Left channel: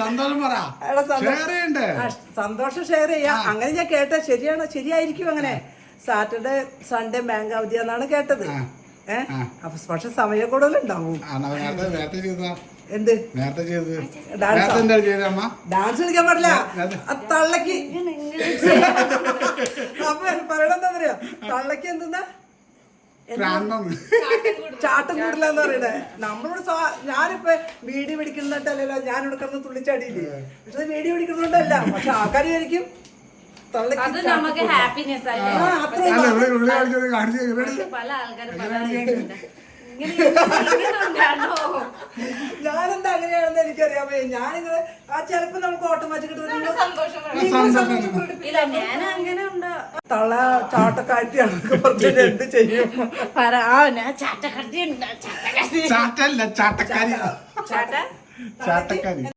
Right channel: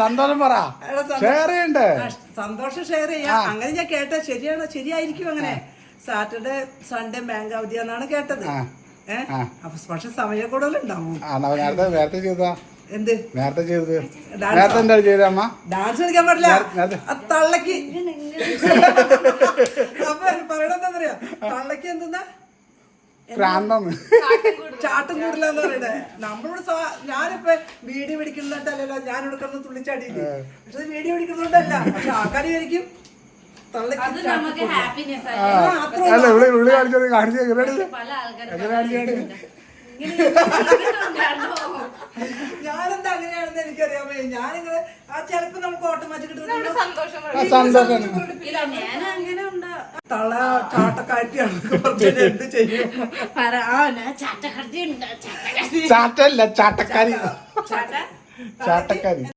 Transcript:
സന്തോഷം പറ. സന്തോഷം ഷെയർ ചെയ്യാം. അങ്ങനെ ഞാൻ കേട്ട ശരിയാണോ? ശരിയായിരിക്കും. അങ്ങനെ സാറ്റർഡേ സൺഡേ ബാങ്ക് അവധിയാന്നാണ് കേട്ടത്. അപ്പൊ പക്ഷെ സമയം കൂടുതലുണ്ടാവും. എന്ത് ഡാൻസ് കളിക്കാൻ പാടില്ല, തള്ളക്ക്. അപ്പൊ പറയണെന്താ പറയാ, തള്ളക്ക് എന്തെന്നാ ചാട്ടം കൂടില്ല എന്ന് പറയണേ. നമ്മളിവിടെ ഞാനിപ്പോ വീഡിയോ പിടിക്കുന്നിട്ടല്ലോ ഞാൻ എടുക്കുന്ന തുള്ളിച്ചാടിയില്ലേ. പക്ഷെ വീഡിയോ പിടിക്കുന്നോണ്ടല്ല. പക്ഷെ ആൾക്കാർ വിചാരിക്കും ഞാനെന്താ അങ്ങനെയാണെന്ന് എനിക്കറിയാമേ. ഞാനിങ്ങനെ ചിലപ്പോ നമുക്ക് ഓട്ടോമാറ്റിക് തള്ള ചാട്ടക്കാറ്റിയാണ് എന്ത് ചെയ്യും. ചാട്ടല്ല ചാട്ടക്കാരി.